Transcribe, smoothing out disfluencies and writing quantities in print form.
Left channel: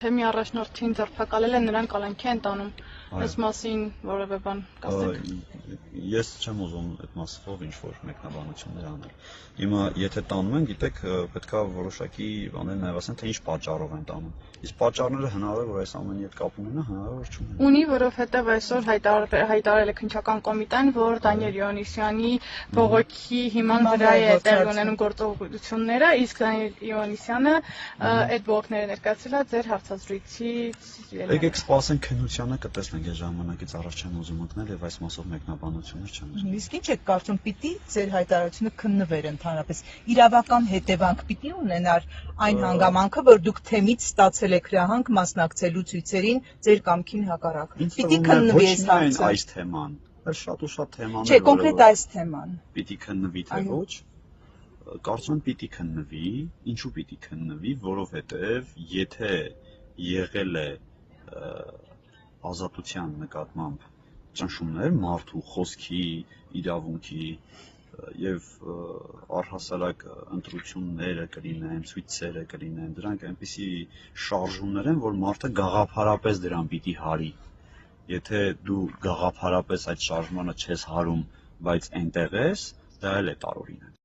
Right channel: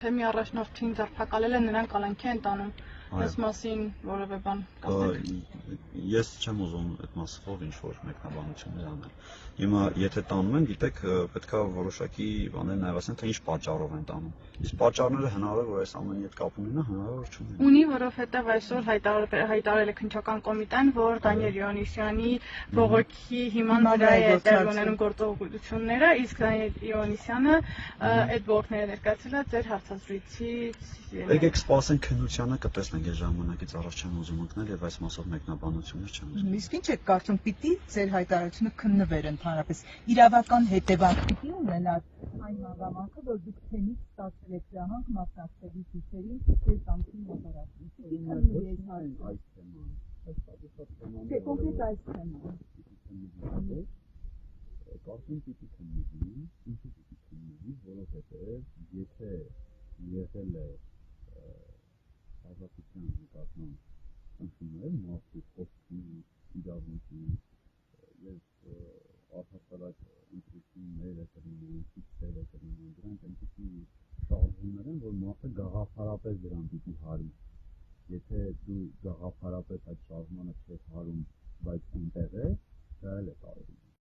Թեմի առաջնորդին ձերբակալել են, նրան կալանքի են տանում, այս մասին որևէ բան կասեք։ Ես չեմ ուզում այդ մասով ինչ-որ մեկնաբանություններ անել։ Հիմա եթե տանում են, գիտեք, պետքա որոշակի բաներ նաև ասեն, թե ինչ պատճառով են տանում։ Իսկ պատճառները հնարավոր է որ այս ամենի հետ կապ ունենա, հնարավոր չունենա։ Ունի, որովհետև այսօր հայտարարել է քննչական կոմիտեն, որ Դանիել Իոնիսյանի բողոքի հիման վրա է տեղի ունենում գործողությունները, իսկ Դանիել Իոնիսյանը այդ բողոքները ներկայացրել է ձեր հարցազրույցից։ Եկեք սպասենք քննությանը, կտեսնենք այդ ժամանակից առաջ չեմ ուզում ընկնել եւ այս մասով մեկնաբանություններ չեմ ուզում։ Իսկ ինչ եք կարծում, պիտի ձեր հայտարարությունը քննվեր ընդհանրապես իրավական հետևանք պիտի ունենար այն հանգամանքը, որ դուք թեմից ստացել եք հրահանգ մասնակցելու ցույցերին ձեր կամքին հակառակ։ Պիտի քննվի այս հարցը։ Այս թեման, բայց շատ ու շատ թեմաներ։ Չէ, կոնկրետ այս թեման։ Պիտի քննվի թե ոչ։ Կարծում եմ պիտի քննվի, ինչու պիտի քննվի, որովհետև եթե եղել է ազատության նկատմամբ ճնշումներ մարդու խոսքի, իրավունքի եւ առհասարակ ընտրությունները կլինեն, ցույցերը կլինեն, դրանք այնպիսի շարժումներ են, որ մարդը գաղափարապես դրան պիտի հարի։ Եթե դու գաղափարապես այդ շարժմանը չես հարում, բայց այնտեղ ես, դա էլ է տարօրինակ։